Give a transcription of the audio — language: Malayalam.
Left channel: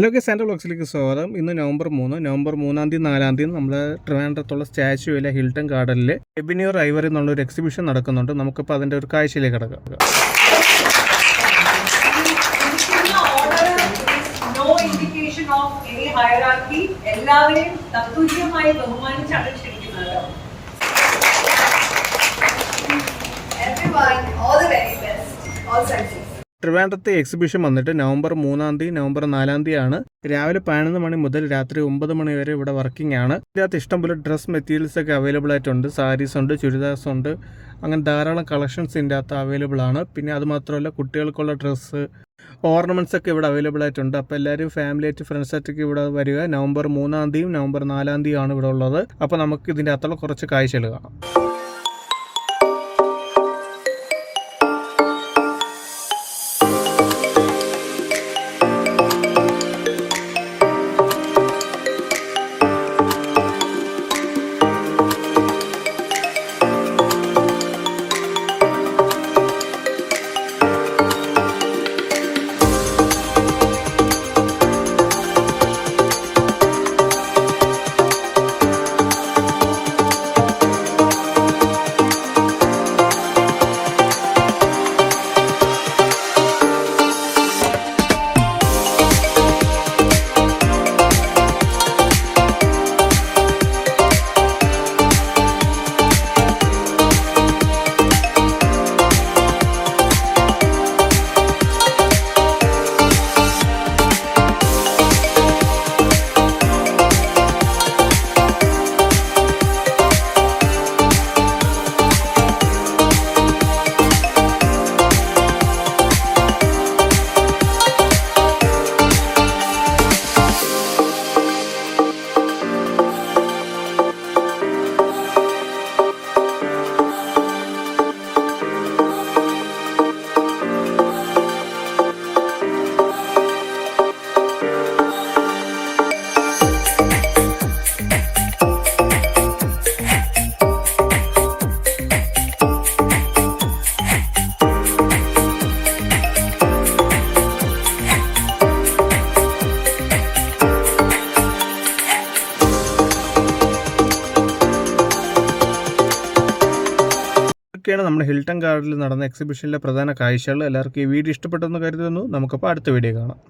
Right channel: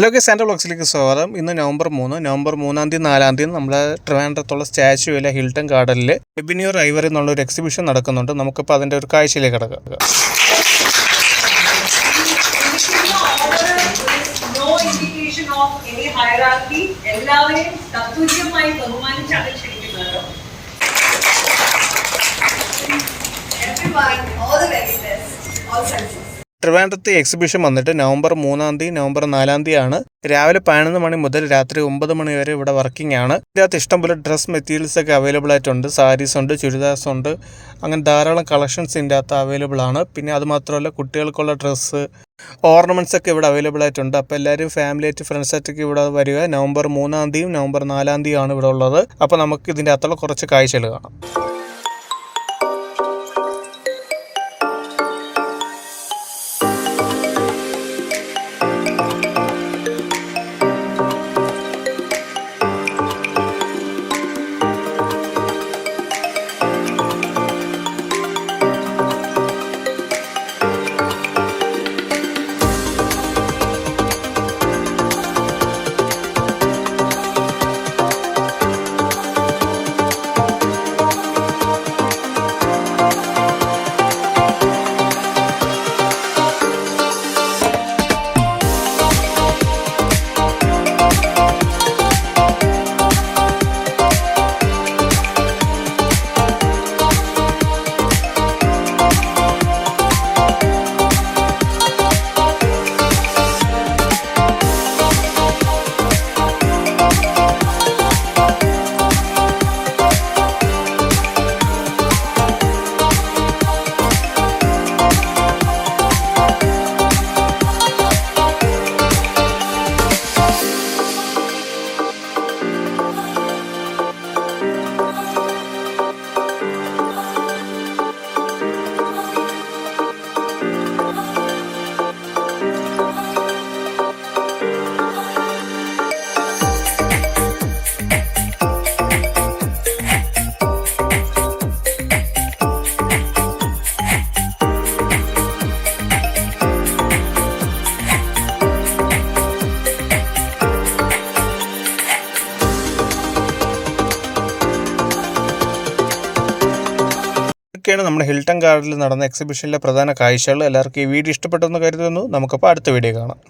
ഹലോ സാന്റോവ്ലോഗ്സിലേക്ക് സ്വാഗതം. ഇന്ന് നവംബർ 3 4-ാം തീയതി നമ്മുടെ ട്രിവാൻഡ്രത്തുള്ള സ്റ്റാച്യുവിലെ ഹിൽട്ടൺ ഗാർഡനിൽ എബിനി ഐവറി എന്നുള്ളൊരു എക്സിബിഷൻ നടക്കുന്നുണ്ട്. നമുക്കിപ്പോൾ അതിൻ്റെ ഒരു കാഴ്ചയിലേക്ക് കിടക്കാം. എല്ലാവരെയും തത്തുല്യമായി ബഹുമാനിച്ചാണ് ക്ഷണിക്കുന്നത്. ട്രിവാൻഡ്രത്തെ എക്സിബിഷൻ വന്നിട്ട് നവംബർ 3-ാം തീയതി നവംബർ 4-ാം തീയതിയാണ്. രാവിലെ 11 മണി മുതൽ രാത്രി 9 മണി വരെ ഇവിടെ വർക്കിംഗ് ആണ്. ഇതിനകത്ത് ഇഷ്ടംപോലെ ഡ്രസ് മെറ്റീരിയൽസ് ഒക്കെ അവൈലബിൾ ആയിട്ടുണ്ട്. സാരീസ് ഉണ്ട്, ചുരിദാർസ് ഉണ്ട്, അങ്ങനെ ധാരാളം കളക്ഷൻസ് ഇതിൻ്റെ അകത്ത് അവൈലബിൾ ആണ്. പിന്നെ അതുമാത്രമല്ല കുട്ടികൾക്കുള്ള ഡ്രസ്സ്, ഓർണമെൻറ്റ്സ് ഒക്കെ ഇവിടെ അവൈലബിൾ ആയിട്ടുണ്ട്. അപ്പോൾ എല്ലാവരും ഫാമിലി ആയിട്ട് ഫ്രണ്ട്സായിട്ടൊക്കെ ഇവിടെ വരിക. നവംബർ 3-ാം തീയതിയും നവംബർ 4-ാം തീയതിയാണ് ഇവിടെ ഉള്ളത്. അപ്പോൾ നമുക്ക് ഇതിൻ്റെ അകത്തുള്ള കുറച്ച് കാഴ്ചകൾ കാണാം. ാണ് നമ്മുടെ ഹിൽട്ടൺ ഗാർഡനിൽ നടന്ന എക്സിബിഷനിലെ പ്രധാന കാഴ്ചകൾ. എല്ലാവർക്കും ഈ വീഡിയോ ഇഷ്ടപ്പെട്ടെന്ന് കരുതുന്നു. നമുക്കപ്പോൾ അടുത്ത വീഡിയോ കാണാം.